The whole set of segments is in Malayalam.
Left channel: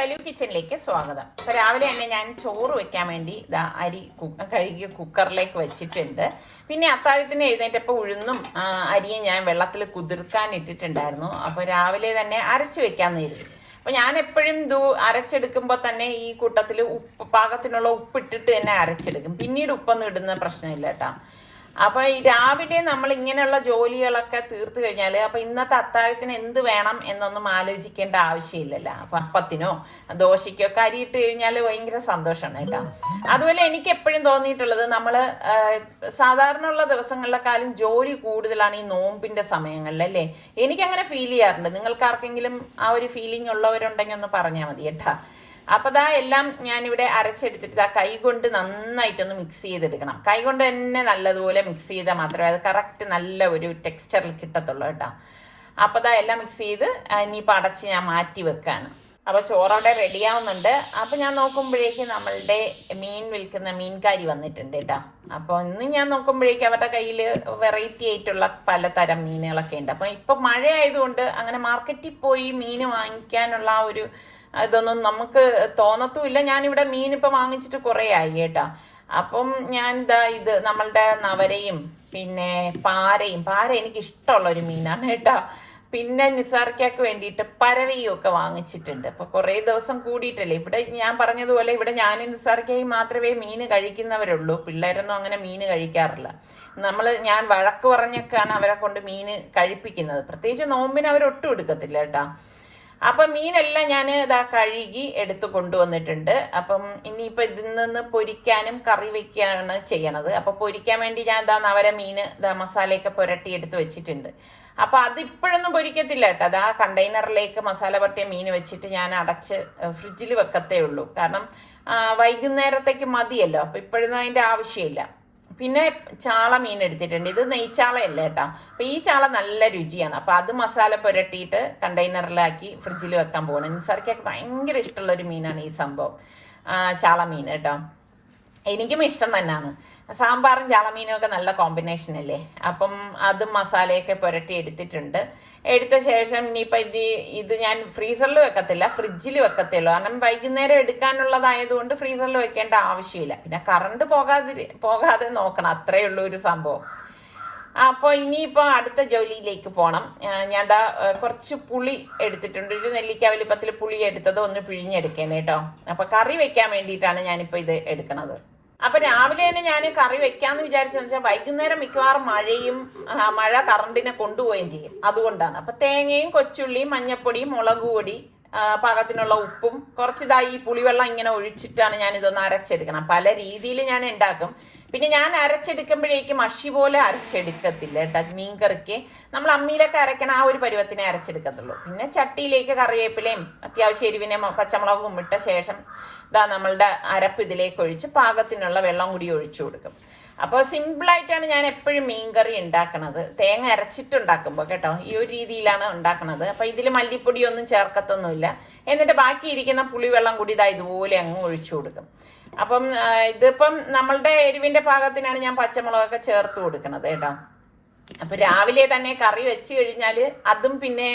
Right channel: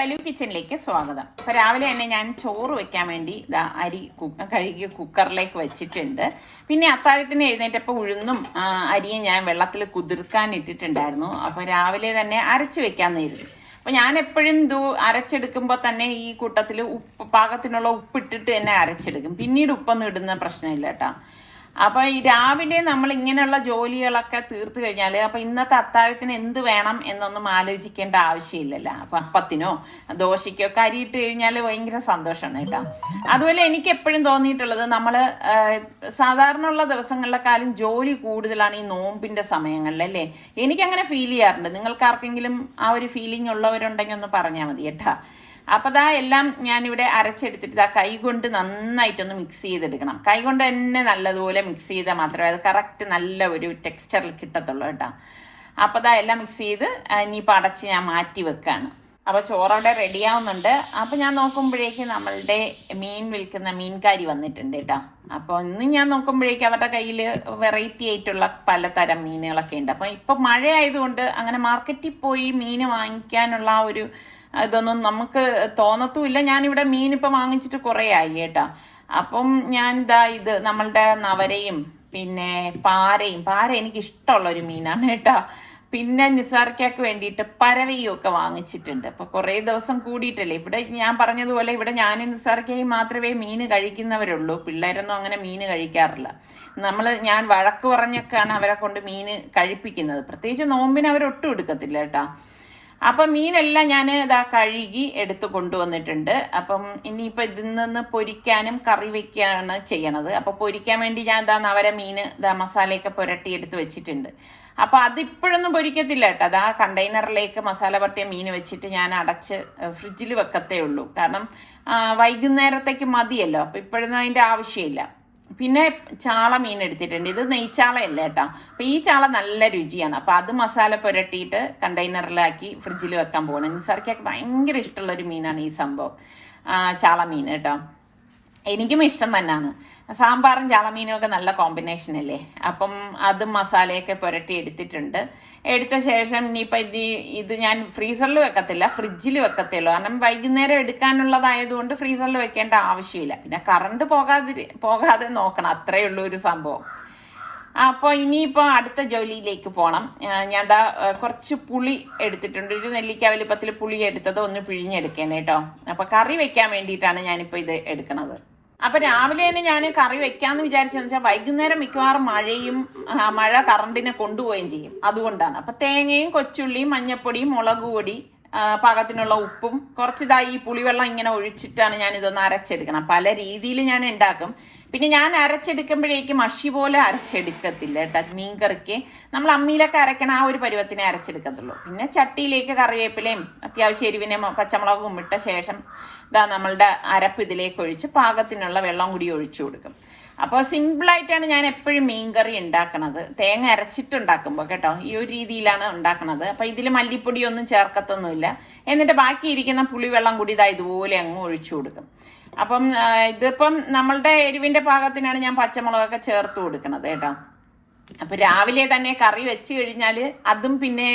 സലു കിച്ചണിലേക്ക് സ്വാഗതം. അപ്പൊ രാവിലെ തന്നെ ഞാൻ ചോറ് വെക്കാൻ വേണ്ടി അരി കഴുകി കുക്കറിലേക്ക് വെച്ചിട്ടുണ്ട്. പിന്നെ അത്താഴത്തിന് എഴുന്നേറ്റപ്പോൾ ഉഴുന്നും അരിയും ഞാൻ വെള്ളത്തിൽ കുതിർക്കാൻ ഇട്ടിട്ടുണ്ടായിരുന്നു. അപ്പൊ രാവിലെ തന്നെ അരച്ചു വെക്കാന്ന് കരുതി. അപ്പൊ ഞാൻ എപ്പോഴും ഇത് അരച്ചെടുക്കുമ്പോ തന്നെ ഈ കൂട്ടത്തിൽ പാകത്തിനുള്ള ഉപ്പിട്ടിട്ട് തന്നെ അരച്ചെടുക്കും. പിന്നീട് ഉപ്പൊന്നും ഇടുന്ന പ്രശ്നമില്ല കേട്ടോ. അപ്പൊ ഈ രാവിലെ നമ്മൾ ഇങ്ങനെയുള്ള ജോലികളൊക്കെ തീർത്തു കഴിഞ്ഞാല് അപ്പൊ ഇന്നത്തെ അത്താഴത്തിന് എന്ത് വേണം എന്നൊന്നും ആലോചിക്കേണ്ട ആവശ്യമില്ലല്ലോ. അപ്പൊ അപ്പത്തിനോ ദോശയ്ക്കോ ഒക്കെ അരിയിട്ട് കഴിഞ്ഞാല് ഭയങ്കര സന്തോഷമാണ് കേട്ടോ. അതുപോലെ എനിക്ക് എപ്പോഴും തോന്നിയിട്ടുള്ളത് നമ്മള് സാധാരണ ഉള്ള ദിവസങ്ങളിലെക്കാളും ജോലി കൂടുതലാണ് ഈ നോമ്പിന്റെ സമയങ്ങളിൽ അല്ലേ. എനിക്കങ്ങനെ ഫീൽ ചെയ്യാറുണ്ട്. നിങ്ങൾക്ക് ആർക്കെങ്കിലും ആ ഒരു ഫീലിംഗ് ഉള്ളവരുണ്ടെങ്കിൽ ഒന്ന് പറഞ്ഞാൽ മതി കേട്ടാ. അപ്പൊ എല്ലാം ഞാനിവിടെ അരച്ചെടുത്തിട്ട് കൈ കൊണ്ട് നന്നായിട്ടൊന്ന് മിക്സ് ചെയ്തെടുക്കണം. കൈ കൊണ്ട് തന്നെ നല്ലതുപോലെ മിക്സ് ചെയ്താൽ മാത്രമേ അത് കറക്റ്റ് നല്ല ഒരു ടെക്സ്ചറിൽ കിട്ടത്തുള്ളൂ കേട്ടോ. അപ്പൊ എല്ലാം മിക്സ് ചെയ്ത് ഇനിയിപ്പോൾ അടച്ച് ഞാൻ മാറ്റി വെക്കാണ്. അപ്പൊ ചോറവിടെ റെഡിയാവുന്നുണ്ട്. അപ്പൊ ഞാൻ നോക്കുമ്പോഴേക്ക് നമ്മളുടെ മീൻ വിൽക്കുന്ന മീൻകാരി വന്നിട്ടുണ്ട് കേട്ടോ. അപ്പൊ ഇന്ന് ഞാൻ നോക്കുമ്പോഴേക്ക് അവരുടെ കയ്യിൽ വെറൈറ്റി ആയിട്ടുള്ള പലതരം മീനുകളൊക്കെ ഉണ്ട്. അപ്പൊ ഇപ്പൊ മഴ ആയതുകൊണ്ട് അങ്ങനെ മാർക്കറ്റിൽ പോയി മീൻ വാങ്ങിക്കാനുള്ള ആ ഒരു ഇതൊന്നും നമുക്ക് തോന്നത്തുമില്ല. ഞാനിവിടെ മീൻ ഇപ്പൊ വാങ്ങിച്ചിട്ട് കുറെ ആയി കേട്ടാ. അപ്പം ഞാൻ ഇത് നമ്മളുടെ നവരയും പിന്നെ പാര എനിക്ക് ഇഷ്ടമുള്ള ഒരു മീനാണ് കേട്ടാ. പിന്നെ നിസാർക്കയ്ക്ക് വേണ്ടിയിട്ട് പരവയും ഒക്കെ വാങ്ങിച്ചിട്ടുണ്ട്. അപ്പൊ കുറെ ദിവസം കൂടിയിട്ടല്ലേ. ഇവിടെ ഞാൻ പറഞ്ഞതുപോലെ ഇവിടെ ഞാനും നിസാർക്കയും മാത്രമേ മീന് കഴിക്കുന്നവരുള്ളൂ. പിള്ളേരൊന്നും അങ്ങനെ മീന് കഴിക്കാറില്ല. ഞാൻ വഴക്ക് പറഞ്ഞൊക്കെയാണ് അവരെ കൊണ്ട് മീന് കഴിപ്പിക്കുന്നത്. പ്രത്യേകിച്ച് നോമ്പിന് അവരൊട്ടും എടുക്കത്തില്ല കേട്ടാ. അപ്പൊ മീനെല്ലാം ഞാൻ കഴുകി എടുത്തു കൊണ്ടുവന്നിട്ടുണ്ട്. അപ്പം ഇനിയിപ്പൊ ഇതിൽ നിന്ന് പൊരിക്കാനും കറി വെക്കാണ് ചെയ്യണത്. അപ്പൊ പൊരിക്കാൻ വേണ്ടി ഞാൻ നവര മീന് മസാലയൊക്കെ പുരട്ടി എടുത്ത് വെച്ചിട്ടുണ്ട്. അപ്പൊ അതിപ്പോഴൊന്നും പൊരിക്കത്തില്ല കേട്ടോ. അത് ആ കണ്ടെയ്നറിലേക്ക് മസാല പട്ടിയ മീൻ വെച്ചിട്ട് ഞാൻ അടച്ച് ഫ്രിഡ്ജിൽ വെക്കത്തേ ഉള്ളൂ. കാരണം വൈകുന്നേരത്തേക്ക് മതിയല്ലോ. അപ്പൊ ഇപ്പോഴൊന്നും അതിന്റെ ആവശ്യമില്ല. പിന്നെ ചാള മീൻ എടുത്തിട്ടുണ്ട്. ഇത് നെയ്ച്ചാളയല്ല കേട്ടോ. അപ്പൊ ഈ ചാള നല്ല രുചിയാണ്. അപ്പൊ അത് മസാല പുരട്ടിയിട്ട് കണ്ടെയ്നറിലാക്കി ഫ്രിഡ്ജിൽ വെക്കാൻ പോകണം. നിസാർക്കൊക്കെ ഭയങ്കര ഇഷ്ടമുള്ള ഒരു മീനാണ് ഈ സംഭവം, ചാള മീൻ കേട്ടോ. എനിക്കും ഇഷ്ടം തന്നെയാണ്. സാമ്പാറും ചാളമീനും ഒക്കെ നല്ല കോമ്പിനേഷൻ അല്ലേ. അപ്പം അതും മസാലയൊക്കെ പുരട്ടി എടുത്തിട്ടുണ്ട്. എടുത്ത ശേഷം ഇനിയിപ്പൊ ഇത് ഞാൻ ഫ്രീസറിൽ വെക്കത്തില്ല, ഫ്രിഡ്ജിൽ വെക്കത്തുള്ളൂ. കാരണം വൈകുന്നേരം എടുക്കാനുള്ളതായതുകൊണ്ട് ഫ്രീസറിൽ വെക്കേണ്ട ആവശ്യമില്ല. പിന്നെ കറണ്ട് പോകാതെ നോക്കണം, അത്രയേ ഉള്ളൂ ഒരു സംഭവം. അപ്പൊ ഇനിയിപ്പോ അടുത്ത ജോലിയിലേക്ക് പോണം. ഞാൻ കുറച്ച് പുളി എടുത്തിട്ടുണ്ട്. ഒരു നെല്ലിക്ക വലിപ്പത്തിൽ പുളി എടുത്തത് ഒന്ന് പിഴിഞ്ഞെടുക്കേനെ കേട്ടോ. അപ്പൊ കറി വെക്കാൻ വേണ്ടിയിട്ടാണ് ഞാനിപ്പോ ഇത് എടുക്കുന്നത്. അപ്പൊ രാവിലെ തന്നെ ഞാൻ കറി വെക്കാന്ന് വിചാരിച്ചെന്ന് വെച്ചാൽ വൈകുന്നേരം മിക്കവാറും മഴ കറണ്ടിനെ കൊണ്ടുപോവുകയും ചെയ്യും. അതുകൊണ്ടാണ്. അപ്പൊ തേങ്ങയും കൊച്ചുള്ളിയും മഞ്ഞപ്പൊടിയും മുളക് പൊടി പാകത്തിനുള്ള ഉപ്പും ഈ പുളിവെള്ളം ഇങ്ങനെ ഒഴിച്ചിട്ടാണ് ഞാൻ ഇതൊന്ന് അരച്ചെടുക്കണം. പല രീതിയിൽ ഞാൻ ഉണ്ടാക്കും. പിന്നെ ഞാൻ അരച്ചെടുക്കുമ്പോഴേക്കും മഷി പോലെ അരച്ചെടുക്കത്തില്ല കേട്ടോ. മീൻകറിക്ക് നമ്മൾ അമ്മിയിലൊക്കെ അരക്കണ ആ ഒരു പരുവത്തിനെ അരച്ചെടുക്കത്തുള്ളൂ. പിന്നെ ചട്ടിയിലേക്ക് കറിവേപ്പിലയും അത്യാവശ്യം എരിവിനെയും പച്ചമുളകും ഇട്ട ശേഷം നമ്മളുടെ അരപ്പ് ഇതിലേക്ക് ഒഴിച്ച് പാകത്തിനുള്ള വെള്ളം കൂടി ഒഴിച്ചു കൊടുക്കും. അപ്പോൾ സിമ്പിളായിട്ടാണ് ഞാൻ എപ്പോഴും മീൻകറി ഉണ്ടാക്കണത്, തേങ്ങ അരച്ചിട്ടുണ്ടാക്കുമ്പോൾ കേട്ടോ. ഈ ഒരു രീതിയിലാണ് ഉണ്ടാക്കണത്. അപ്പൊ ഇതിൽ മല്ലിപ്പൊടിയൊന്നും ചേർക്കത്തൊന്നുമില്ല. എന്നിട്ട് ബാക്കിയിരിക്കുന്ന പുളിവെള്ളം കൂടി ഇതുപോലെ അങ്ങ് ഒഴിച്ചു കൊടുക്കും. അപ്പം ഇതിപ്പം നമ്മളുടെ എരിവിന്റെ പാകത്തിനാണ് ഞാൻ പച്ചമുളകൊക്കെ ചേർത്ത് കൊടുക്കണത് കേട്ടോ. അപ്പൊ രാവിലെ തന്നെ കറി വെച്ച് കഴിഞ്ഞാല് അതും പിന്നെ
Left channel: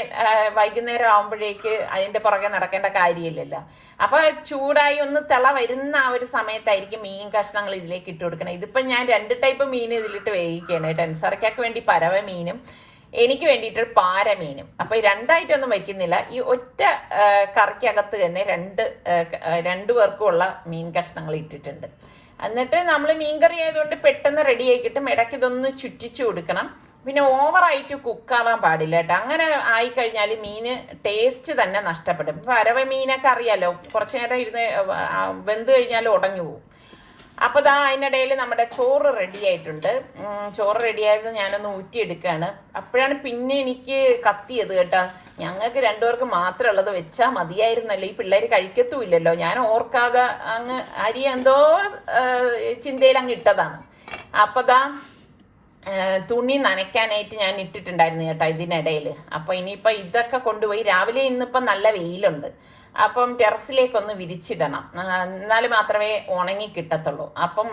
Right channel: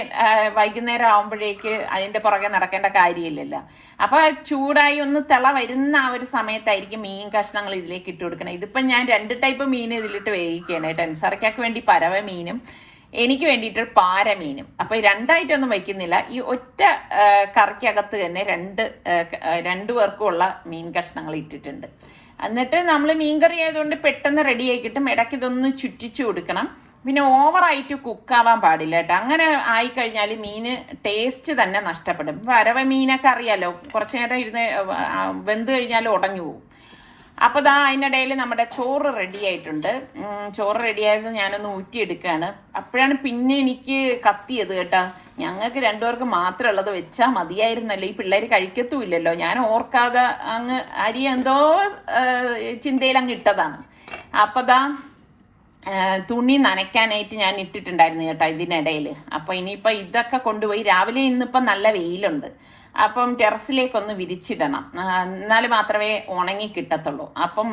വൈകുന്നേരം ആവുമ്പോഴേക്ക് അതിന്റെ പുറകെ നടക്കേണ്ട കാര്യമില്ലല്ലോ. അപ്പൊ ചൂടായി ഒന്ന് തിള വരുന്ന ആ ഒരു സമയത്തായിരിക്കും മീൻ കഷ്ണങ്ങൾ ഇതിലേക്ക് ഇട്ട് കൊടുക്കണം. ഇതിപ്പോ ഞാൻ 2 ടൈപ്പ് മീൻ ഇതിലിട്ട് വേവിക്കുകയാണ്. ടെൻസറയ്ക്കൊക്കെ വേണ്ടി പരവ മീനും എനിക്ക് വേണ്ടിയിട്ട് പാര മീനും. അപ്പൊ 2ആയിട്ടൊന്നും വയ്ക്കുന്നില്ല. ഈ ഒറ്റ കറിക്കകത്ത് തന്നെ രണ്ടു പേർക്കും ഉള്ള മീൻ കഷ്ണങ്ങൾ ഇട്ടിട്ടുണ്ട്. എന്നിട്ട് നമ്മൾ മീൻകറി ആയതുകൊണ്ട് പെട്ടെന്ന് റെഡി ആയി കിട്ടും. ഇടയ്ക്ക് ഇതൊന്ന് ചുറ്റിച്ചു കൊടുക്കണം. പിന്നെ ഓവറായിട്ട് കുക്കാവാൻ പാടില്ല കേട്ടോ. അങ്ങനെ ആയിക്കഴിഞ്ഞാൽ മീന് ടേസ്റ്റ് തന്നെ നഷ്ടപ്പെടും. പരവ മീനൊക്കെ അറിയാലോ, കുറച്ചു നേരം ഇരുന്ന് വെന്ത് കഴിഞ്ഞാൽ ഉടഞ്ഞു പോകും. അപ്പൊ അതിനിടയിൽ നമ്മുടെ ചോറ് റെഡി ആയിട്ടുണ്ട്. ചോറ് റെഡിയായത് ഞാനൊന്ന് ഊറ്റിയെടുക്കുകയാണ്. അപ്പോഴാണ് പിന്നെ എനിക്ക് കത്തിയത് കേട്ടാ. ഞങ്ങൾക്ക് 2 പേർക്ക് മാത്രം ഉള്ളത് വെച്ചാൽ മതിയായിരുന്നല്ലോ, ഈ പിള്ളേര് കഴിക്കത്തുമില്ലല്ലോ. ഞാൻ ഓർക്കാതെ അങ്ങ് അരി എന്തോ ചിന്തയിൽ അങ്ങ് ഇട്ടതാണ്. അപ്പൊ തുണി നനയ്ക്കാനായിട്ട് ഞാൻ ഇട്ടിട്ടുണ്ടായിരുന്നു കേട്ടോ ഇതിനിടയിൽ. അപ്പൊ ഇനിയിപ്പൊ ഇതൊക്കെ കൊണ്ടുപോയി രാവിലെ ഇന്നിപ്പോ നല്ല വെയിലുണ്ട്. അപ്പം ടെറസിലേക്കൊന്ന് വിരിച്ചിടണം, എന്നാൽ മാത്രമേ ഉണങ്ങി കിട്ടത്തുള്ളൂ. അപ്പം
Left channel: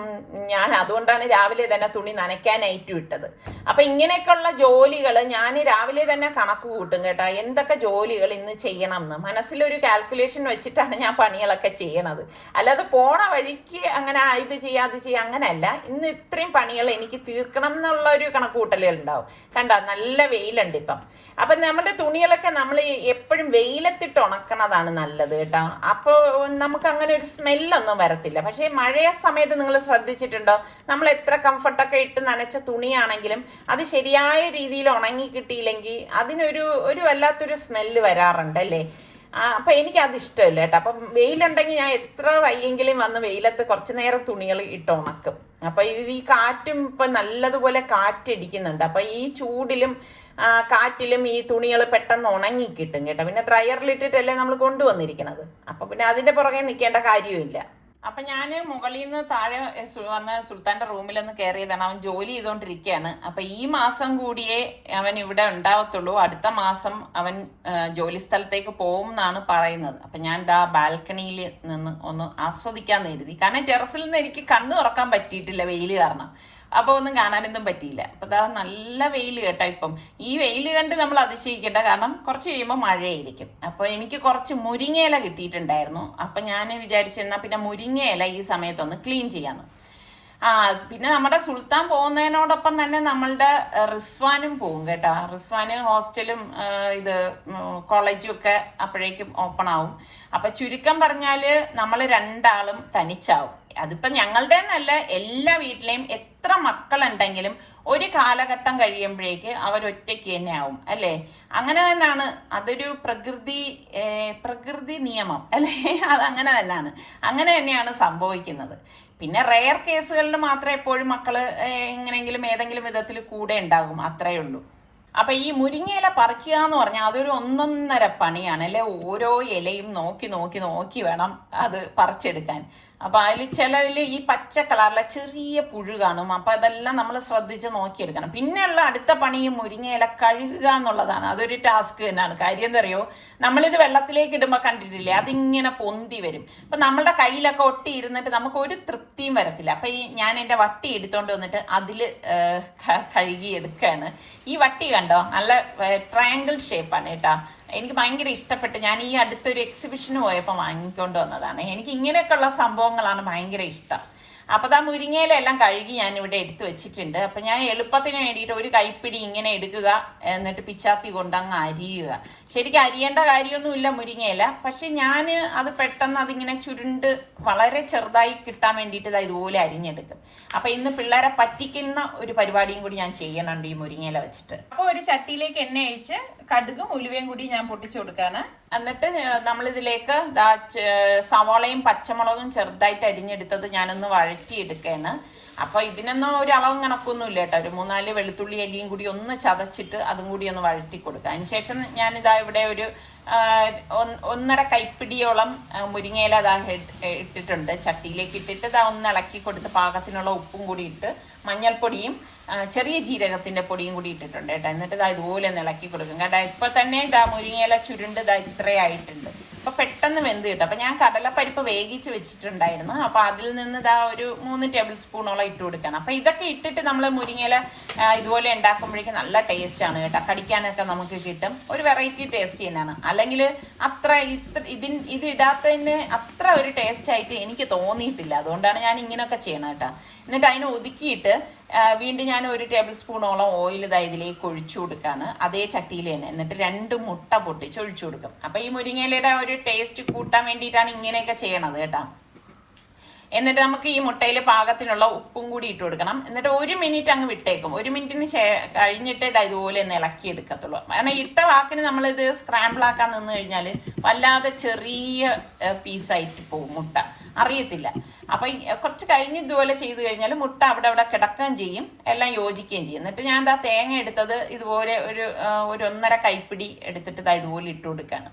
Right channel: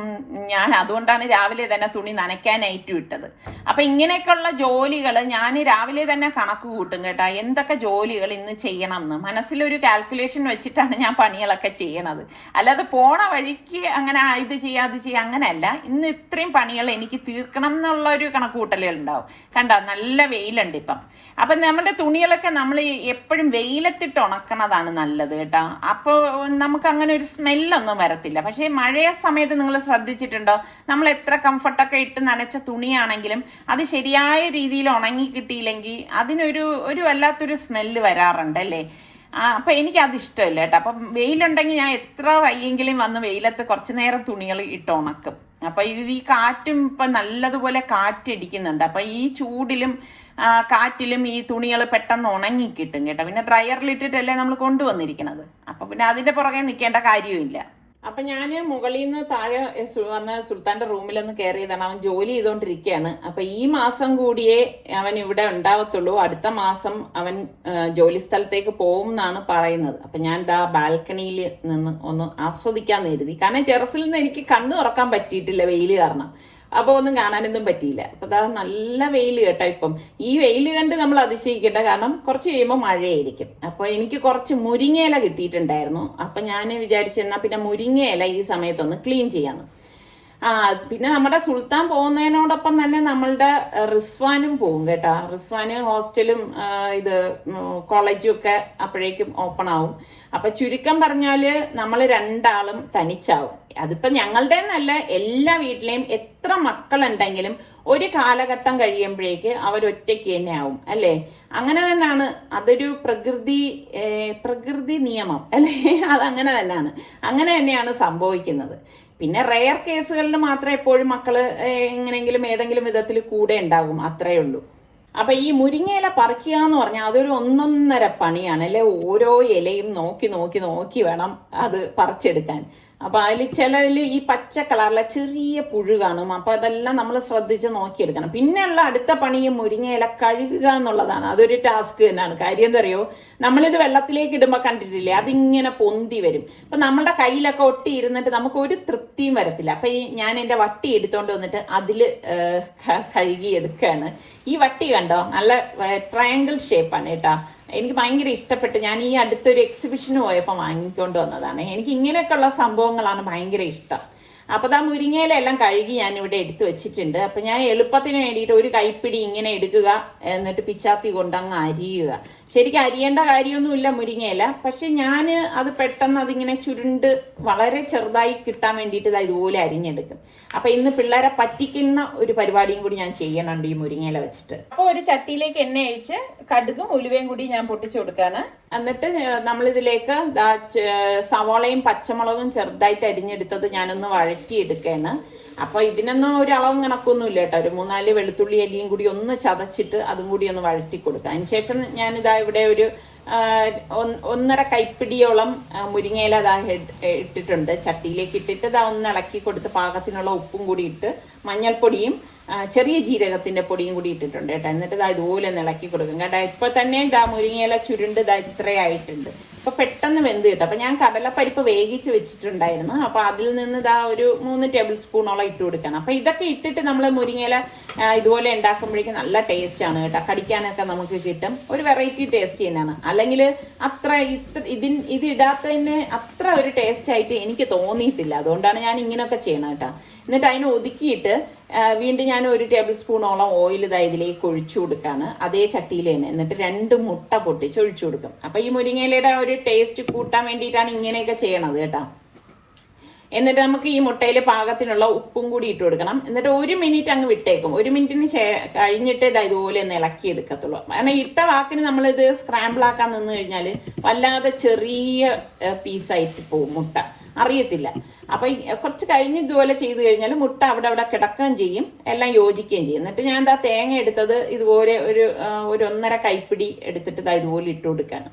ഞാൻ അതുകൊണ്ടാണ് രാവിലെ തന്നെ തുണി നനയ്ക്കാനായിട്ട് ഇട്ടത്. അപ്പൊ ഇങ്ങനെയൊക്കെയുള്ള ജോലികൾ ഞാൻ രാവിലെ തന്നെ കണക്ക് കൂട്ടും കേട്ടാ, എന്തൊക്കെ ജോലികൾ ഇന്ന് ചെയ്യണം എന്ന് മനസ്സിലൊരു കാൽക്കുലേഷൻ വെച്ചിട്ടാണ് ഞാൻ പണികളൊക്കെ ചെയ്യണത്. അല്ലാതെ പോണ വഴിക്ക് അങ്ങനെ ഇത് ചെയ്യാം അത് ചെയ്യാം അങ്ങനെയല്ല. ഇന്ന് ഇത്രയും പണികൾ എനിക്ക് തീർക്കണം എന്നുള്ള ഒരു കണക്ക് കൂട്ടലുകൾ ഉണ്ടാവും. കണ്ട നല്ല വെയിലുണ്ട് ഇപ്പം. അപ്പൊ നമ്മുടെ തുണികളൊക്കെ നമ്മൾ എപ്പോഴും വെയിലത്തിട്ട് ഉണക്കണതാണ് നല്ലത് കേട്ടോ. അപ്പോൾ നമുക്ക് അങ്ങനെ ഒരു സ്മെല്ലൊന്നും വരത്തില്ല. പക്ഷെ മഴയ സമയത്ത് നിങ്ങൾ ശ്രദ്ധിച്ചിട്ടുണ്ടോ, നമ്മൾ എത്ര കംഫർട്ടൊക്കെ ഇട്ട് നനച്ച തുണിയാണെങ്കിലും അത് ശരിയായ രീതിയിൽ ഉണങ്ങി കിട്ടിയില്ലെങ്കിൽ അതിനൊരു വല്ലാത്തൊരു സ്മെല്ല് വരാറുണ്ട് അല്ലേ. അപ്പൊ എനിക്ക് അത് ഇഷ്ടമില്ല കേട്ടോ. അപ്പം വെയിലുണ്ടെങ്കിൽ ഞാൻ എത്ര വയ്യെങ്കിലും വന്ന് വെയിലത്ത് കുറച്ചു നേരം തുണികൾ ഇട്ട് ഉണക്കും. അപ്പൊ ഈ കാറ്റും ഇപ്പൊ നല്ലതുപോലെ കാറ്റടിക്കുന്നുണ്ട്. അപ്പൊ ഈ ചൂടിലും കാറ്റിലും ഈ തുണികൾ പെട്ടെന്ന് ഉണങ്ങി കിട്ടും കേട്ടോ. പിന്നെ ഡ്രയറിലിട്ടിട്ടല്ലേ നമ്മൾ കൊണ്ടുവന്നിരിക്കണത്. അപ്പൊ പിന്നെ അതിന്റെ പുറകെ നിൽക്കേണ്ട കാര്യമില്ല. അപ്പൊ ഞാന് മുകളിൽ നിന്ന് താഴെ വന്ന് സുൽത്താന്റെ റൂമിലൊന്ന് കയറിയതാണ്. അവൻ ജോലി ചെയ്തോണ്ടിരിക്കുകയാണ്. അപ്പൊ ഈ മാസം കൂടിയേ അവൻ ഇവിടെ ഉണ്ടാവത്തുള്ളൂ. അടുത്ത മാസം അവൻ ജോലി സ്ഥലത്തേക്ക് പോകും എന്നാണ് പറയുന്നത്. അപ്പൊ ഞാൻ ബാൽക്കണിയിൽ നിന്ന് ഒന്ന് ആസ്വദിക്കാന്ന് കരുതി. കാരണം ടെറസിൽ നിന്ന് എനിക്ക് കണ്ണു തുറക്കാൻ പറ്റിയിട്ടില്ല വെയില് കാരണം. അപ്പൊ ഒന്നും കാണാനൊന്നും പറ്റിയില്ല. അപ്പൊ നല്ല വെയിൽ കേട്ടോ. ഇപ്പം ഈ വെയിൽ കണ്ട് നമ്മൾ അതിശയിക്കേണ്ട, കാരണം കുറച്ച് കഴിയുമ്പോൾ മഴയായിരിക്കും. അപ്പൊ എനിക്ക് കുറച്ച് മുരിങ്ങയില കിട്ടിയിട്ടുണ്ടായിരുന്നു. അപ്പൊ ഞാൻ വിചാരിച്ചെന്നാ പിന്നെ മുരിങ്ങയില ഈ സമയത്തൊന്ന് ക്ലീൻ ചെയ്യാന്ന്. പിന്നെ നമ്മുടെ സുൽത്താൻ പോകുന്നതിനോടൊപ്പം തന്നെ നമ്മളുടെ റിസ്വാനും പോകും കേട്ടാ. റിസ്വാന് ഹോസ്റ്റലും കോളേജും ഒക്കെ അപ്പോഴേക്കും ഓപ്പൺ ആവും. അപ്പൊ ചുരുക്കം പറഞ്ഞാല് നമ്മൾ രണ്ടാളും തനിച്ചാവും. അതിപ്പോ ഞങ്ങളുടെ എന്നല്ല, എല്ലാ വീട്ടിലെയും എത്ര മക്കളുണ്ടെങ്കിലും ഒരു കാലഘട്ടം കഴിയുമ്പോഴേക്ക് അവരൊറ്റയ്ക്ക് തന്നെ ആവും അല്ലേ. അങ്ങനെ തന്നെയാണ്, അതൊരു പ്രകൃതി നിയമം അല്ലേ. അതങ്ങനെ തന്നെയാണ്, അങ്ങനെ തന്നെയാണ് സംഭവിക്കുന്നത്. പിന്നെ റെയർ കേസുകളിൽ മാത്രമേ എപ്പോഴും മക്കള് എങ്ങനെയെങ്കിലും ഏതെങ്കിലും വിധത്തിൽ കൂടെ ഉണ്ടാകും, അത്രേ ഉള്ളൂ. അപ്പൊ ഈ മുരിങ്ങയില പറിക്കുക എന്ന് പറഞ്ഞാൽ അതൊരു ഒന്നൊന്നര പണിയാണ് അല്ലെ. ഓരോ ഇലയും നോക്കി നോക്കി നോക്കി വേണം അത് പറിച്ചെടുക്കാൻ. അപ്പൊ അതിൽ ചിലതിൽ ഈ പച്ച കളറിലെ ചെറിയ പുഴു കാണും. അപ്പൊ അതെല്ലാം നമ്മൾ ശ്രദ്ധിച്ച് നോക്കിയെടുക്കണം. പിന്നെയുള്ള അടുത്ത പണി ഈ മുരിങ്ങയില കഴുകുക എന്നുള്ളതാണ്. അതൊരു ടാസ്ക് തന്നെയാണ്. കാര്യം എന്താ അറിയോ, നമ്മളിത് വെള്ളത്തിലേക്ക് ഇടുമ്പോ കണ്ടിട്ടില്ലേ, അതിങ്ങനെ പൊന്തി വരും. അപ്പൊ നമ്മളുടെ കയ്യിലൊക്കെ ഒട്ടി ഇരുന്നിട്ട് നമുക്ക് ഒരു തൃപ്തിയും വരത്തില്ല. അപ്പൊ ഞാൻ എന്റെ വട്ടി എടുത്തോണ്ട് വന്നിട്ട് അതില് കഴുകി എടുക്കുകയാണ്. ഈ വട്ടി കണ്ടോ, നല്ല ട്രയാങ്കിൾ ഷേപ്പാണ് കേട്ടാ. എനിക്ക് ഭയങ്കര ഇഷ്ടപ്പെട്ട് ഞാൻ ഈ അടുത്തൊരു എക്സിബിഷന് പോയപ്പോൾ വാങ്ങിക്കൊണ്ട് വന്നതാണ്. എനിക്ക് ഇങ്ങനെയൊക്കെയുള്ള സംഭവങ്ങളാണ് ഭയങ്കര ഇഷ്ടം. അപ്പൊ മുരിങ്ങയിലെല്ലാം കഴുകി ഞാൻ ഇവിടെ എടുത്തു വെച്ചിട്ടുണ്ട്. അപ്പൊ ഞാൻ എളുപ്പത്തിന് വേണ്ടിയിട്ട് ഒരു കൈപ്പിടി ഇങ്ങനെ എടുക്കുക, എന്നിട്ട് പിച്ചാത്തി കൊണ്ട് അങ്ങ് അരിയുക. ശരിക്കും അരിയേണ്ട കാര്യമൊന്നുമില്ല മുരിങ്ങയില, പക്ഷെ ഞാൻ അത് പെട്ടെന്ന് അതിങ്ങനെ ചുരുണ്ട് വളരെ ചെറുതായി കിട്ടാൻ വേണ്ടിയിട്ട് ഇതുപോലെ അരിഞ്ഞെടുക്കും. അപ്പൊ ഇന്ന് പിള്ളേരെ പറ്റിക്കുന്ന ഒരു പരിപാടിയും കൂടി ഞാൻ ചെയ്യണുണ്ട് ഈ മുരിങ്ങയില വെച്ചിട്ട്. അപ്പൊ ഒരു ചട്ടിയിലേക്ക് എണ്ണ ഒഴിച്ച് കടുകും ഉലുവയും കൂടി ഞാൻ പൊട്ടിച്ചു കൊടുക്കാണ്. എന്നിട്ട് നമ്മളിതിലേക്ക് സവാളയും പച്ചമുളകും ചെറുതായിട്ട് അരിഞ്ഞെടുത്തത് ഞാനൊന്ന് വഴറ്റിയെടുക്കുകയാണ്. അപ്പൊ ഇതിനൊന്നും ഒരു അളവും കണക്കൊന്നും ഇല്ല കേട്ടോ. ഒരു 3-4 വെളുത്തുള്ളി അല്ലിയും കൂടി ഒന്ന് ചതച്ചിട്ട് അതും കൂടി ഒന്ന് വഴറ്റി കൊടുക്കുക. അതിനുശേഷം ഞാനിതാ ഇവിടെ ഒരു 1.5 കൈപ്പിടിയോളം മുരിങ്ങയില ഇട്ടിട്ടുണ്ട്. ചട്ടിയിലേക്ക് ഇട്ടിട്ട് ഒന്ന് ഇളക്കി കൊടുത്ത് പാകത്തിനുള്ള ഉപ്പും കൂടി ഇട്ട് മഞ്ഞൾപ്പൊടിയും ചെറിയ ജീരകത്തിന്റെ പൊടിയും കൂടി ഇട്ടിട്ടുണ്ട് കേട്ടോ. എന്നിട്ട് ഇതുപോലെ ഒന്ന് ഇളക്കി കൊടുക്കും കേട്ടോ. ഇപ്പൊ തന്നെ മുരിങ്ങയില ചുരുണ്ട് ഇത്രയായിട്ടുണ്ട്. അപ്പൊ പെട്ടെന്ന് വെന്ത് കിട്ടും. അപ്പൊ ഞാൻ കടലപ്പരിപ്പ് വേവിച്ച് വെച്ചിട്ടുണ്ടായിരുന്നു. അപ്പൊ അതിൽ നിന്ന് ഒരു 3 ടേബിൾ സ്പൂണോളം ഇട്ട് കൊടുക്കണം. അപ്പൊ ഇതൊക്കെ ഇട്ടിട്ട് നമ്മൾ മുരിങ്ങയില ഇതുപോലെ ഉണ്ടാക്കുമ്പോഴേക്കും നല്ല ടേസ്റ്റ് ആണ് കേട്ടോ. കടിക്കാനൊക്കെ നമുക്ക് കിട്ടും. ഒരു വെറൈറ്റി ടേസ്റ്റ് തന്നെയാണ്. അല്ലെങ്കിൽ അത്ര ഇത് ഇടാത്തതിന് അത്ര ഒരു ടേസ്റ്റ് ആയിട്ട് എനിക്ക് തോന്നിയിട്ടില്ല. അതുകൊണ്ടാണ് ഞാൻ ഇങ്ങനെയൊക്കെ ചെയ്യണം കേട്ടോ. എന്നിട്ട് അതിനെ ഒതുക്കിയിട്ട് വീണ്ടും ഞാൻ 1 ടേബിൾ സ്പൂണോളം ഓയിൽ ഇതിലേക്ക് ഒഴിച്ചു കൊടുക്കാണ്, അതേ ചട്ടിയിൽ തന്നെ. എന്നിട്ട് 2 മുട്ട പൊട്ടിച്ച് ഒഴിച്ചു കൊടുക്കും. അപ്പൊ ഈ മുരിങ്ങയിലയുടെ ഒരു ടേസ്റ്റ് കൂട്ടാൻ വേണ്ടിയിട്ടാണ് ഇങ്ങനെയൊക്കെ ചെയ്യണത് കേട്ടോ. എന്നിട്ട് നമുക്ക് ഈ മുട്ടയിൽ പാകത്തിനുള്ള ഉപ്പും കൂടി ഇട്ട് കൊടുക്കണം. എന്നിട്ട് 1 മിനിറ്റ് അങ്ങ് വിട്ടേക്കും. 1 മിനിറ്റിന് കഴിഞ്ഞിട്ടേ ഇതുപോലെ ഒന്ന് ഇളക്കി എടുക്കത്തുള്ളൂ. കാരണം ഇട്ട വാക്കിന് നമ്മളിത് സ്ക്രാമ്പിൾ ആക്കാൻ നിന്ന് കഴിഞ്ഞാൽ വല്ലാതെ ചെറിയ പീസായിട്ട് പോകും, മുട്ട അറിയത്തില്ല. അപ്പൊ കുറച്ച് കഴിഞ്ഞ് ഇതുപോലെ ചെയ്ത് കഴിഞ്ഞാൽ മുട്ട അവിടെ കിടക്കുകയും ചെയ്യും, എല്ലാം യോജിക്കുകയും ചെയ്യും. എന്നിട്ട് ഞാൻ തേങ്ങ എടുത്തത് ഇതുപോലെ ഒരു 1.5 കൈപ്പിടി എടുത്തിട്ട് ഇതുപോലെ ഇട്ട് കൊടുക്കാണ്.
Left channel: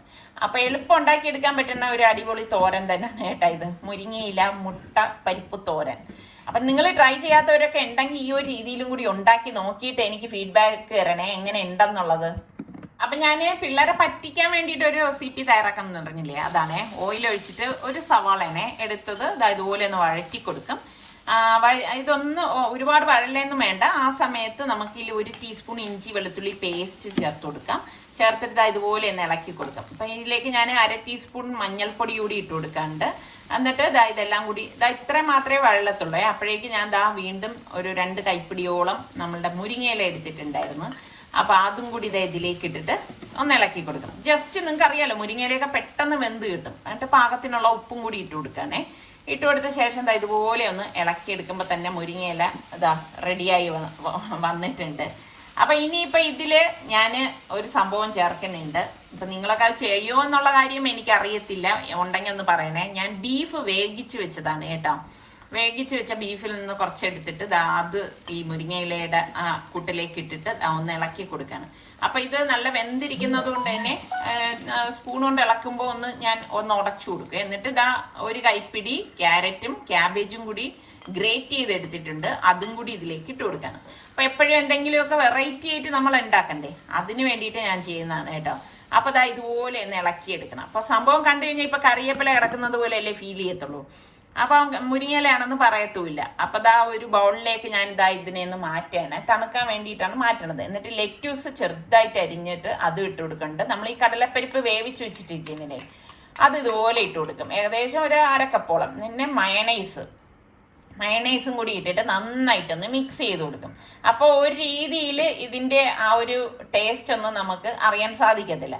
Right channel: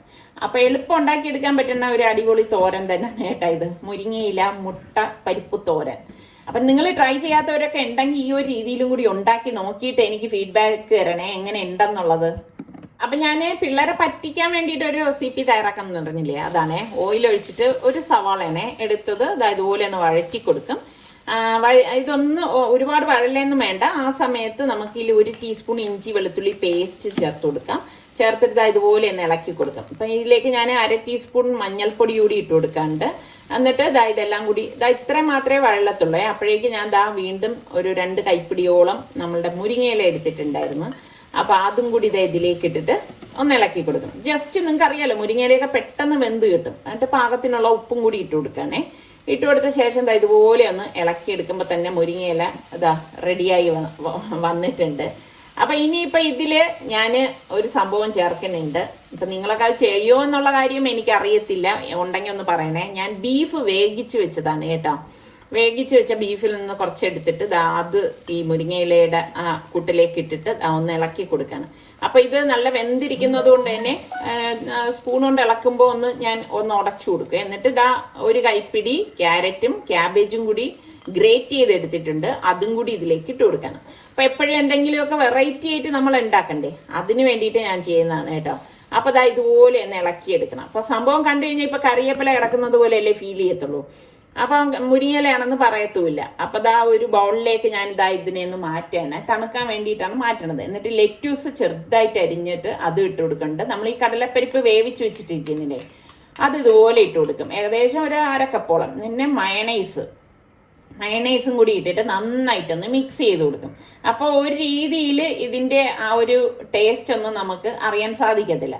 അപ്പൊ എളുപ്പം ഉണ്ടാക്കി എടുക്കാൻ പറ്റുന്ന ഒരു അടിപൊളി തോരൻ തന്നെയാണ് കേട്ടാ ഇത്, മുരിങ്ങയില മുട്ട പരിപ്പ് തോരൻ. അപ്പൊ നിങ്ങൾ ട്രൈ ചെയ്യാത്തവരൊക്കെ ഉണ്ടെങ്കിൽ ഈ ഒരു രീതിയിലും കൂടി ഉണ്ടാക്കി നോക്കിയിട്ട് എനിക്ക് ഫീഡ്ബാക്ക് തരണേ, എങ്ങനെ ഉണ്ടെന്നുള്ളത്. അപ്പൊ ഞാൻ പിള്ളേരെ പറ്റിക്കാൻ വേണ്ടിയിട്ട് ഒരു റെസിപ്പി തയ്യാറാക്കാൻ പറഞ്ഞില്ലേ, അതാണ് ഓയിൽ ഒഴിച്ചിട്ട് ഒരു സവാളനെ എടുത്തത് ഇതുപോലെ ഒന്ന് വഴറ്റി കൊടുക്കും. ഇതൊന്ന് ഒരുപാട് വഴലൊന്നും വേണ്ട. ആ സമയത്ത് നമുക്ക് ഇതിൽ 1 ടീസ്പൂൺ ഇഞ്ചി വെളുത്തുള്ളി പേസ്റ്റ് ചേർത്ത് കൊടുക്കാം. ചേർത്തിട്ട് ഇതുപോലെ ഒന്ന് ഇളക്കി കൊടുക്കാം. അപ്പൊ ഇതിലേക്ക് ഞാൻ 1/2 ടീസ്പൂൺ മഞ്ഞൾപ്പൊടി കൂടി ഇട്ട് കൊടുക്കാണ്ട്. എന്നിട്ട് ഇതെല്ലാം കൂടി ഇത്രയും മാത്രമേ വഴലത്തുള്ളൂ. അപ്പോഴേക്ക് ഞാൻ വീണ്ടും ഒരു 2 കൈപ്പിടിയോളം നമ്മളുടെ മുരിങ്ങയില എടുത്തിട്ടുണ്ടായിരുന്നു. അപ്പൊ അതും കൂടി ഇതിലേക്ക് ഇട്ടിട്ട് ഒന്ന് ഇളക്കി കൊടുക്കണം. ജസ്റ്റ് നിങ്ങൾക്ക് അറിയാലോ മുരിങ്ങയിലയൊക്കെ പെട്ടെന്ന് വെന്ത് കിട്ടും. എന്നിട്ട് പാകത്തിനുള്ള ഉപ്പും കൂടി ഇട്ട് കൊടുക്കാനേ. ഇട്ട് കൊടുത്ത ശേഷം ഇതുപോലെ ഒന്ന് ഇളക്കി എടുക്കുമ്പോൾ തന്നെ മുരിങ്ങയില റെഡിയായി വന്നിട്ടുണ്ട്. അപ്പൊ ഇനിയിപ്പൊ ഇതില് ഞാൻ ഒരു സംഭവം ചേർക്കുന്നുണ്ട്. ഇപ്പൊ നിങ്ങളൊക്കെ അത് ചെയ്യോ എന്നുള്ള കാര്യം എനിക്ക് അറിയത്തില്ല, ഉണ്ടെങ്കിൽ ഒന്ന് പറയണേ. ഞാൻ ബീഫ് വേവിച്ച് വെച്ചതാണ് കേട്ടോ. വേവിച്ച് വെച്ച ബീഫിൽ നിന്ന് കുറച്ചെടുത്തിട്ട് അത് ഈ മുരിങ്ങയിലയുടെ കൂട്ടിലേക്ക് ഇട്ടിട്ട് ഒന്ന് ഇളക്കി കൊടുക്കണം. അപ്പൊ ഇത് നല്ല വെന്തിരിക്കുന്നത് കൊണ്ട് തന്നെ സ്പൂൺ കൊണ്ട് ഇളക്കുമ്പോൾ ഞാൻ ഒന്ന് ഉടച്ചു കൊടുക്കുക. എന്നിട്ട് 1 കൈപ്പിടി ക്യാരറ്റും ക്യാബേജും കൂടി ഗ്രേറ്റ് ചെയ്തെടുത്തിട്ടുണ്ട്, അതും കൂടി ഇതിലേക്ക് ഇട്ട് കൊടുക്കണം. അപ്പൊ എപ്പോഴും എന്തെങ്കിലുമൊക്കെ വെറൈറ്റി ആയിട്ട് നമ്മൾ ഉണ്ടാക്കണ്ടേ, അതിന് വേണ്ടിയിട്ട് ഞാൻ ചെയ്യുന്നതാണ് കേട്ടോ. അപ്പൊ ഇതുപോലെ ഒന്ന് ഇളക്കിയെടുക്കണം. അപ്പൊ സംഭവം കണ്ടു കഴിഞ്ഞാൽ ഇപ്പൊ കറിവേപ്പില കിടക്കുന്നത് പോലെയല്ലേ ഫീൽ ചെയ്യത്തുള്ളൂ. അപ്പൊ മുരിങ്ങയിലയാണെന്ന് പറയത്തുമില്ല. അപ്പൊ ഒരു ബൗളിലേക്ക് ഞാൻ ഇതിനെ ഒന്ന് മാറ്റണേ, തണുക്കാൻ വേണ്ടിയിട്ടാണ് മാറ്റണത്. എന്നിട്ട് ലെറ്റ്യൂസ് ചെറുതായിട്ട് അരിഞ്ഞിട്ട് അത് ഇട്ട് കൊടുക്കുന്നുണ്ട്. നമ്മൾ ഈ കടലപ്പരിപ്പ് വേവിച്ച് വെച്ചിട്ടിരിക്കുന്നില്ലേ, അത് ഇതുപോലെ ഇട്ട് കൊടുക്കും. ഏകദേശം ഒരു 1/2 കപ്പോളം. പിന്നെ മയണൈസും കൂടി ഇട്ടിട്ട് നന്നായിട്ടൊന്ന് മിക്സ് ചെയ്ത് കൊടുക്കും. അപ്പൊ ഒരു രീതിയിൽ ഇതിന്റെ ആ ഒരു ടേസ്റ്റ് ഒന്നും നമുക്ക് അറിയാൻ സാധിക്കത്തില്ല.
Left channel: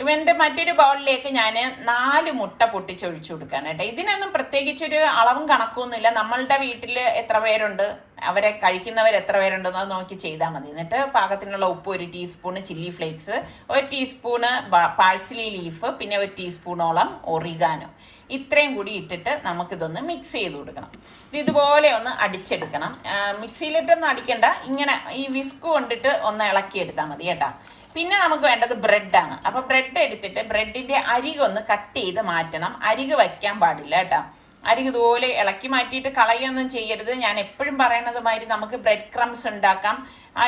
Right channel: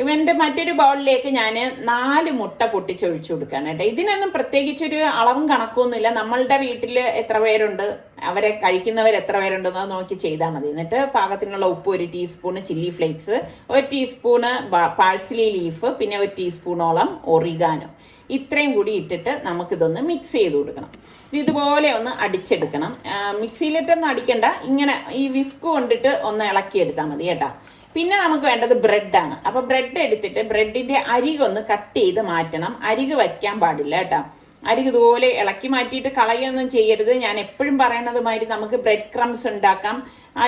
ഇവന്റെ മറ്റൊരു ബൗളിലേക്ക് ഞാൻ 4 മുട്ട പൊട്ടിച്ചൊഴിച്ചു കൊടുക്കാണ് കേട്ടോ. ഇതിനൊന്നും പ്രത്യേകിച്ചൊരു അളവും കണക്കൊന്നുമില്ല. നമ്മളുടെ വീട്ടിൽ എത്ര പേരുണ്ട്, അവരെ കഴിക്കുന്നവർ എത്ര പേരുണ്ടെന്ന് നോക്കി ചെയ്താൽ മതി. എന്നിട്ട് പാകത്തിനുള്ള ഉപ്പ്, 1 teaspoon chilli flakes, 1 teaspoon parsley leaf, പിന്നെ 1 ടീസ്പൂണോളം ഒറിഗാനോ, ഇത്രയും കൂടി ഇട്ടിട്ട് നമുക്കിതൊന്ന് മിക്സ് ചെയ്ത് കൊടുക്കണം. ഇതുപോലെ ഒന്ന് അടിച്ചെടുക്കണം. മിക്സിയിലിട്ടൊന്നും അടിക്കണ്ട, ഇങ്ങനെ ഈ വിസ്ക് കൊണ്ടിട്ട് ഒന്ന് ഇളക്കിയെടുത്താൽ മതി കേട്ടോ. പിന്നെ നമുക്ക് വേണ്ടത് ബ്രെഡാണ്. അപ്പൊ ബ്രെഡ് എടുത്തിട്ട് ബ്രെഡിന്റെ അരികൊന്ന് കട്ട് ചെയ്ത് മാറ്റണം. അരിക് വയ്ക്കാൻ പാടില്ല കേട്ടോ. അരിക് ഇതുപോലെ ഇളക്കി മാറ്റിയിട്ട് കളയൊന്നും ചെയ്യരുത്. ഞാൻ എപ്പോഴും പറയുന്നത് മാതിരി നമുക്ക് ബ്രെഡ് ക്രംസ് ഉണ്ടാക്കാം.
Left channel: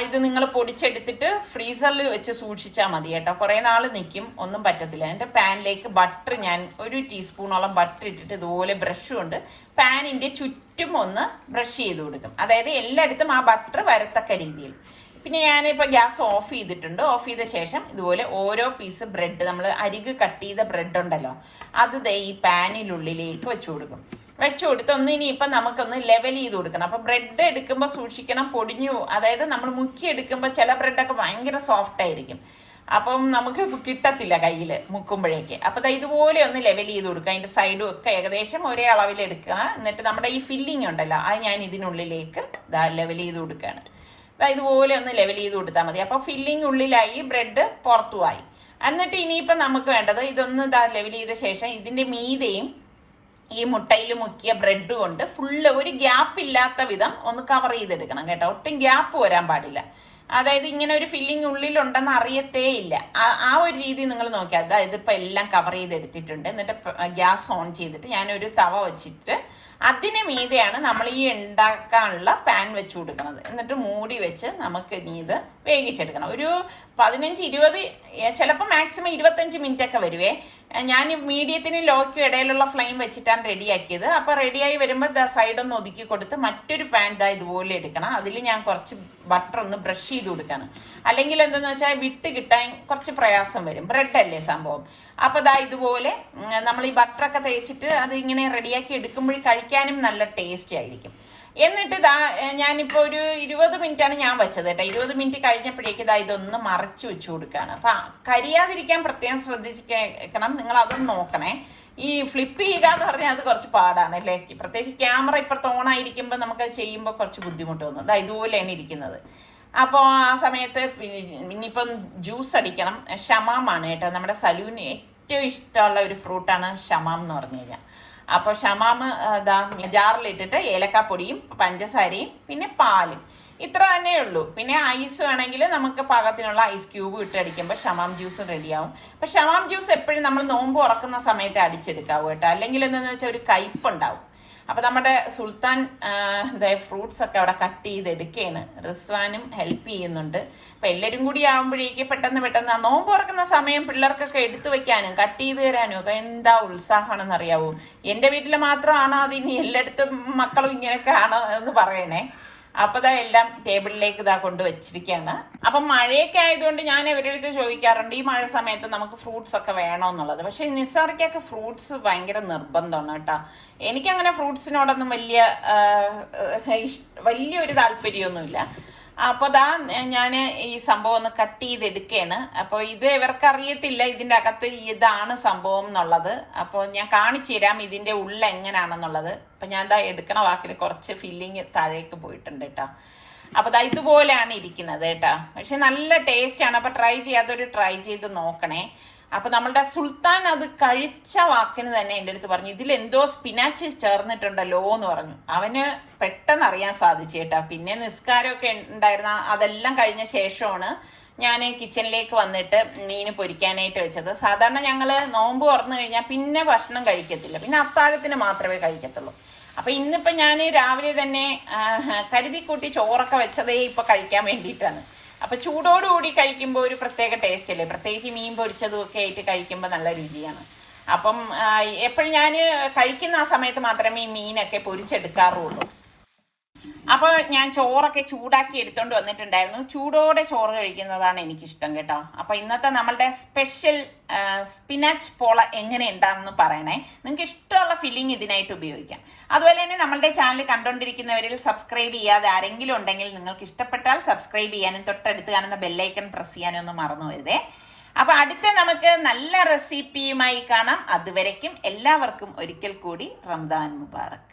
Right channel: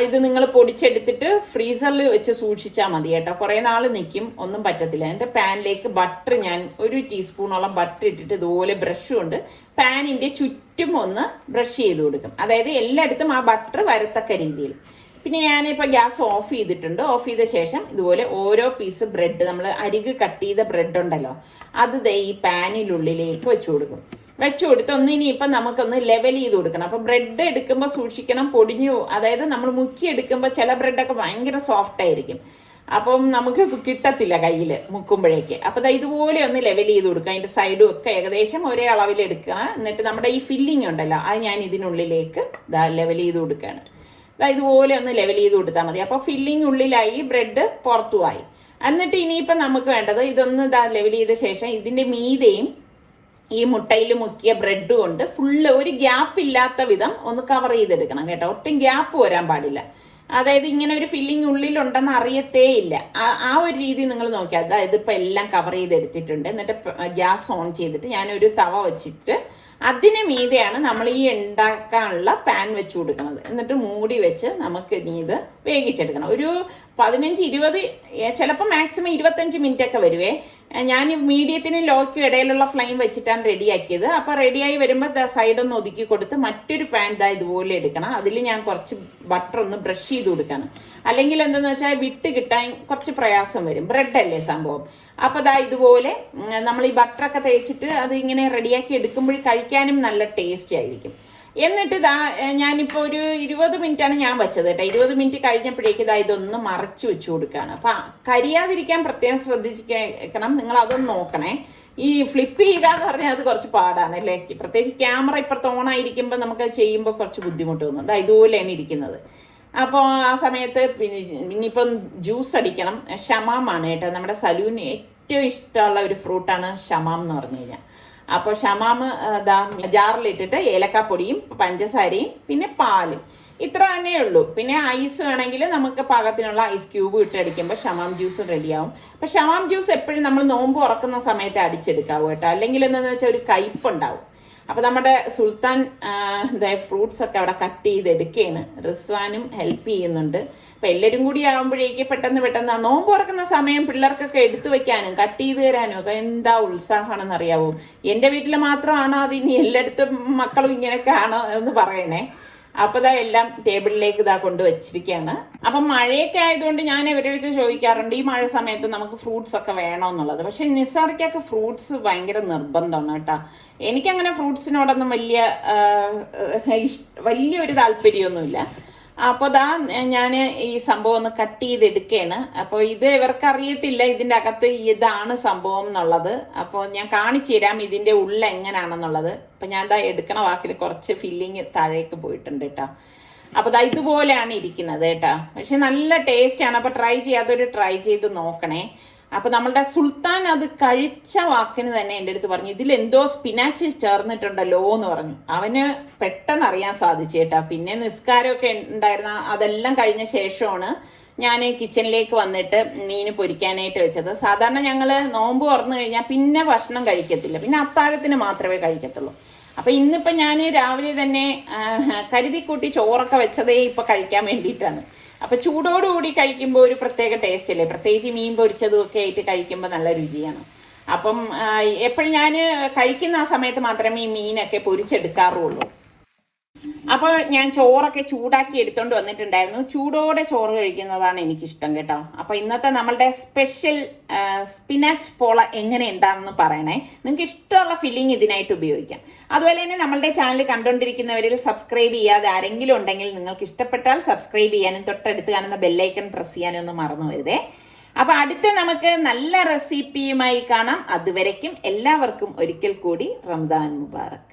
ഇത് നിങ്ങൾ പൊടിച്ചെടുത്തിട്ട് ഫ്രീസറിൽ വെച്ച് സൂക്ഷിച്ചാൽ മതി കേട്ടോ. കുറെ നാൾ നിൽക്കും, ഒന്നും പറ്റത്തില്ല. എന്റെ പാനിലേക്ക് ബട്ടർ ഞാൻ 1 ടീസ്പൂണോളം ബട്ടർ ഇട്ടിട്ട് ഇതുപോലെ ബ്രഷ് കൊണ്ട് പാനിന്റെ ചുറ്റും ഒന്ന് ബ്രഷ് ചെയ്ത് കൊടുക്കും. അതായത് എല്ലായിടത്തും ആ ബട്ടർ വരത്തക്ക രീതിയിൽ. പിന്നെ ഞാനിപ്പോ ഗ്യാസ് ഓഫ് ചെയ്തിട്ടുണ്ട്. ഓഫ് ചെയ്ത ശേഷം ഇതുപോലെ ഓരോ പീസ് ബ്രെഡ്, നമ്മൾ അരിക് കട്ട് ചെയ്ത ബ്രെഡ് ഉണ്ടല്ലോ, അത് ഈ പാനിനുള്ളിലേക്ക് വെച്ചു കൊടുക്കും. വെച്ചു കൊടുത്ത് ഇനിയിപ്പം നമുക്കൊന്ന് ലെവൽ ചെയ്ത് കൊടുക്കണം. അപ്പൊ ബ്രെഡ് എടുക്കുമ്പോൾ സൂക്ഷിക്കണം, പൊടിഞ്ഞു. അതായത് നമ്മൾ മുക്കി എടുക്കുമ്പോൾ ചില ബ്രെഡൊക്കെ ഭയങ്കര സോഫ്റ്റ് ആയിരിക്കും. അപ്പം നമുക്ക് കിട്ടത്തില്ല കയ്യിൽ മുക്കുമ്പോഴേക്ക്. അപ്പൊ ഇതുപോലെ ഒന്ന് ലെവൽ ചെയ്ത് കൊടുക്കുക. അതിന്റെ സൈഡും ഒക്കെ ഏകദേശം ഒരേ അളവിൽ എടുക്കുക. എന്നിട്ട് നമ്മുടെ ഈ ഫില്ലിംഗ് ഉണ്ടല്ലോ, അത് ഞാൻ ഇതിനുള്ളിലേക്ക് ലെവൽ ചെയ്ത് കൊടുക്കുകയാണ്. ഇതുപോലെ ഒന്ന് ലെവൽ ചെയ്ത് കൊടുത്താൽ മതി. അപ്പൊ ഫില്ലിംഗ് ഉള്ളിലായി, ബ്രെഡ് പുറത്തുമായി. എന്നിട്ട് ഇനിയിപ്പം നമുക്ക് വേണ്ടത് ഇതൊന്ന് ലെവൽ ചെയ്ത ശേഷം ഇതിന്റെ മീതെയും ഈ മുട്ടയിൽ മുക്കിയ ബ്രെഡ് കൊണ്ട് ഫുള്ള് ഒരു ഗ്യാപ്പ് ഇല്ലാത്ത വിധം ഒന്ന് കവർ ചെയ്തെടുക്കണം കേട്ടോ. ഒട്ടും ഗ്യാപ്പ് വരാൻ പാടില്ല. അതായത് ഇങ്ങനെ ഒരു ഫില്ലിംഗ് ഉള്ളിലുണ്ടെന്ന് അറിയത്തേ ഇല്ല. ആ ഒരു രീതി നിങ്ങൾ നോക്കിയാൽ. അതായത് ഇപ്പൊ എല്ലാം കവർ ചെയ്തെടുത്തിട്ടുണ്ട്. എന്നിട്ട് ഗ്യാസ് ഓൺ ചെയ്തിട്ട് ഞാനൊരു തവ വെച്ചിട്ട് അതിന് മീതെയാണ് നമ്മൾ ഈ ഉണ്ടാക്കാനുള്ള പാൻ വെച്ച് കൊടുക്കുന്നത്. എന്നിട്ട് മൂടി വെച്ച് നമുക്ക് ഇനി ഇത് വേവിച്ചെടുക്കണം. ഒരു 15-20, ചിലപ്പോൾ മാക്സിമം 25 മിനിറ്റ് ഒക്കെ വരുവേ. ഞാൻ മീഡിയത്തിനും ലോയ്ക്കും ഇടയിലുള്ള ഫ്ലെയിം വെച്ചിട്ടാണ് റെഡിയാക്കിയത്. അപ്പൊ റെഡിയായി വരുമ്പോൾ സൈഡൊന്ന് ഒതുക്കി കൊടുത്ത് മറ്റൊരു പാൻ ഇതുപോലെ എടുക്കണം. അതിൽ ഞാൻ കുറച്ച് ബട്ടർ ഒന്ന് ബ്രഷ് ചെയ്ത് കൊടുക്കണം. അല്ലെങ്കിൽ എന്തെന്ന് വെച്ചാൽ വിട്ട് കിട്ടാൻ കുറച്ച് പ്രയാസം വരും. ബ്രെഡ് അല്ലേ സംഭവം. അപ്പൊ ഇതുപോലെ നമ്മൾ ഈ ബട്ടറൊക്കെ തേച്ചിട്ട് അത് ഇങ്ങനെ റെഡിയാക്കി എടുക്കുമ്പോൾ കഴിക്കാനും നല്ല ടേസ്റ്റ് ആയിരിക്കും. എന്നിട്ട് ഞാനിപ്പോ ഒരു 20 മിനിറ്റാണ് ഞാൻ വെച്ചത് കേട്ടോ. 20 മിനിറ്റ് കഴിഞ്ഞപ്പോഴേക്ക് ഇതൊന്ന് മറച്ചു വെച്ചു കൊടുക്കുകയാണ്. അപ്പൊ കരിയാതിരിക്കാൻ പ്രത്യേകം ശ്രദ്ധിക്കണം. നിങ്ങൾ അതൊന്ന് നോക്കണേ. ഈ ഫ്ലിപ്പ് ചെയ്യുക എന്ന് പറഞ്ഞാൽ അത് കുറച്ച് പാടാണ് അല്ലേ. പ്രത്യേകിച്ച് ക്യാമറ ഇപ്പുറത്ത് ഓണായിരിക്കുമ്പോൾ നമുക്ക് അത് ചെയ്യുമ്പോൾ കുറച്ച് ബുദ്ധിമുട്ട് തോന്നും. ഇതുപോലെയാണ് ഇരിക്കുന്നത്. അപ്പോൾ ആ സമയത്ത് ഇനിയിപ്പം ജ്യൂസ് അടിക്കണം. ഷമാമാണ് കേട്ടോ. നമ്മുടെ സലൂന് ഏറ്റവും ഇഷ്ടമുള്ള ഒരു ഫ്രൂട്ടാണ് ഷമാം എന്ന് പറഞ്ഞു കഴിഞ്ഞാൽ. അപ്പൊ ഷമാമ് ജാറിലിട്ടിട്ട് ഏലക്കാപ്പൊടിയും പഞ്ചസാരയും പിന്നെ പാലും, ഇത്ര തന്നെ ഉള്ളൂ. പിന്നെ ഐസ് വേണമെങ്കിൽ നമുക്ക് പാകത്തിനുള്ള ഐസ് ക്യൂബ് ഇട്ടടിക്കുമ്പോൾ ഷമാം ജ്യൂസ് റെഡിയാവും. അപ്പൊ ഷമാം ജ്യൂസ് എപ്പോഴും നമ്മൾ നോമ്പ് ഉറക്കുന്ന സമയത്ത് അടിച്ചെടുക്കാവൂ കേട്ടോ. അല്ലെങ്കിൽ എന്താണെന്ന് വെച്ചാൽ ഒരു കയ്പുണ്ടാവും. അപ്പൊ നമ്മുടെ സുൽത്താൻ ഫ്രൂട്ട്സ് ഒക്കെ അവിടെ കട്ട് ചെയ്തെടുക്കുകയാണ്. റിസ്വാനും ഹെൽപ്പ് ചെയ്യുന്നുണ്ട്. അപ്പൊ എല്ലാരും കൂടി ആവുമ്പോഴേക്ക് പെട്ടെന്ന് നോമ്പ് തുറക്കുന്ന സമയം പിള്ളേർക്കൊക്കെ എടുത്തു വെക്കാനും കട്ട് ചെയ്ത് തരാനും ഒക്കെ എന്താ ഉത്സാഹമാണെന്ന് അറിയാവോ. എന്റെ വീട്ടിൽ മാത്രമാണോ അത് ഇനി എല്ലായിടത്തും മക്കളും ഇങ്ങനെയൊക്കെ ആണോ എന്ന് പറയണേ. അപ്പൊ എല്ലാം ടേബിളിലേക്ക് കൊണ്ടുവച്ചിരിക്കുകയാണ്. അപ്പൊ മഴയൊക്കെ ആയതുകൊണ്ട് ഞാൻ ഇവരുടെ അടുത്ത് ചോദിക്കാറുണ്ട് ഈ മഴ സമയത്ത് നമുക്ക് ഫ്രൂട്ട്സ് ഒക്കെ വേണോന്നുള്ളത്. പക്ഷെ നിസാർക്കൊക്കെ ഫ്രൂട്ട്സ് ഭയങ്കര നിർബന്ധമാണ് കേട്ടോ. എനിക്കങ്ങനെ ഫ്രൂട്ട്സിനോടൊന്നും വലിയൊരു താല്പര്യമൊന്നുമില്ല. അപ്പൊ ഞാൻ ഈ സംഭവം ഒന്ന് കട്ട് ചെയ്തെടുക്കുകയാണ്. അപ്പൊ ഇത് ഇവർക്ക് അറിയത്തില്ല ഇതിന്റെ അകത്ത് ഇതാണ് സംഭവം എന്നുള്ളത്. അപ്പൊ ഞാൻ കാണിച്ചു തരാം ഇതിന്റെ ഉള്ള എങ്ങനെയാണെന്നുള്ളത്. അപ്പൊ ഞാൻ എടുക്കണ വാക്കിൽ കുറച്ച് ഫില്ലിങ് താഴേക്ക് പോയിട്ടുണ്ട് കേട്ടോ. അപ്പൊ ഇതുപോലെയാണ് ഇരിക്കുന്നത് കേട്ടോ. പക്ഷെ നല്ല ടേസ്റ്റ് ആണ്. അപ്പൊ ട്രൈ ചെയ്ത് നോക്കണേ. അപ്പൊ നമ്മളുടെ സുൽത്താൻ അത് കഴിച്ച വാക്കിന് തന്നെ എന്റെ അടുത്ത് പറഞ്ഞു ഇതിൽ എന്തോ സ്പിനാച്ച് ചേർന്നിട്ടുണ്ടല്ലോ എന്ന് പറഞ്ഞു. അവന് പെട്ടെന്ന് അറിയാൻ സാധിച്ചു കേട്ടാ. പിന്നെ നിസ്കാരമൊക്കെ ഉണ്ടായിരുന്ന അതെല്ലാം കഴിഞ്ഞ ശേഷമാണ് ഞാൻ കിച്ചണിലേക്ക് വന്നിട്ട് മീന് പൊരിക്കാനായിട്ട് വെച്ചത്. സാധാരണ ഞങ്ങള് നോമ്പ് തുറന്നു കഴിഞ്ഞാൽ പിന്നെ ഭക്ഷണം കഴിക്കത്തില്ല, പിന്നെ അത്താഴത്തിന് മാത്രമേ കഴിക്കത്തുള്ളൂ. അപ്പൊ ഇന്നിപ്പോ ഞാൻ രാവിലെ തന്നെ കരുതിക്കൂട്ടി ചോറൊക്കെ വെച്ചതേ ഇപ്പൊ കഴിക്കാൻ വേണ്ടിയിട്ടാണ്. അപ്പൊ ചൂടോടുകൂടി കഴിക്കുമ്പോൾ ഒരു പ്രത്യേക ടേസ്റ്റ് അല്ലേ, പ്രത്യേകിച്ച് മീൻ പൊരിച്ചതും ഒക്കെ ആയിട്ട് കഴിക്കുമ്പോൾ നല്ല രുചിയാണ്. അപ്പം എപ്പോഴും ഞാൻ കഴിക്കുന്ന ആ സമയത്ത് മാത്രമേ ഈ മീനൊക്കെ പൊരിച്ചെടുക്കാറുള്ളൂ. അപ്പൊ ഞാൻ ചോറൊക്കെ ചൂടാക്കി എടുത്തോണ്ട് വന്നിട്ടുണ്ടായിരുന്നു. ചൂടോടെ ചോറ് കഴിക്കുന്നതാണ് എനിക്കിഷ്ടം കേട്ടോ. അപ്പൊ ഇന്നത്തെ നമ്മളുടെ സ്പെഷ്യൽ സ്പിനാച്ച് പോള എങ്ങനെ ഉണ്ടാണെന്ന് പറയണേ. നിങ്ങൾക്ക് ഇഷ്ടമുള്ള ഫില്ലിംഗ് ഇതിനായിട്ട് ഉപയോഗിക്കാം. അതുപോലെ തന്നെ നമ്മളുടെ ചാനൽ കണ്ടുകൊണ്ടിരിക്കുന്നവരിൽ സബ്സ്ക്രൈബ് ചെയ്യാതെ ആരെങ്കിലും ഉണ്ടെങ്കിൽ നിങ്ങൾക്ക് ഇഷ്ടപ്പെട്ടാൽ സബ്സ്ക്രൈബ് ചെയ്യാനും തൊട്ടടുത്ത് കാണുന്ന ബെല്ലൈക്കൺ പ്രസ് ചെയ്യാനും ഒന്നും മറന്നു വരുതേ. അപ്പൊ അടുത്ത് നമുക്ക് നല്ല റെസിപ്പിയുമായി കാണാം. അതുവരയ്ക്കും എല്ലാവർക്കും ഒരിക്കൽ കൂടി റമദാൻ മുബാറക്.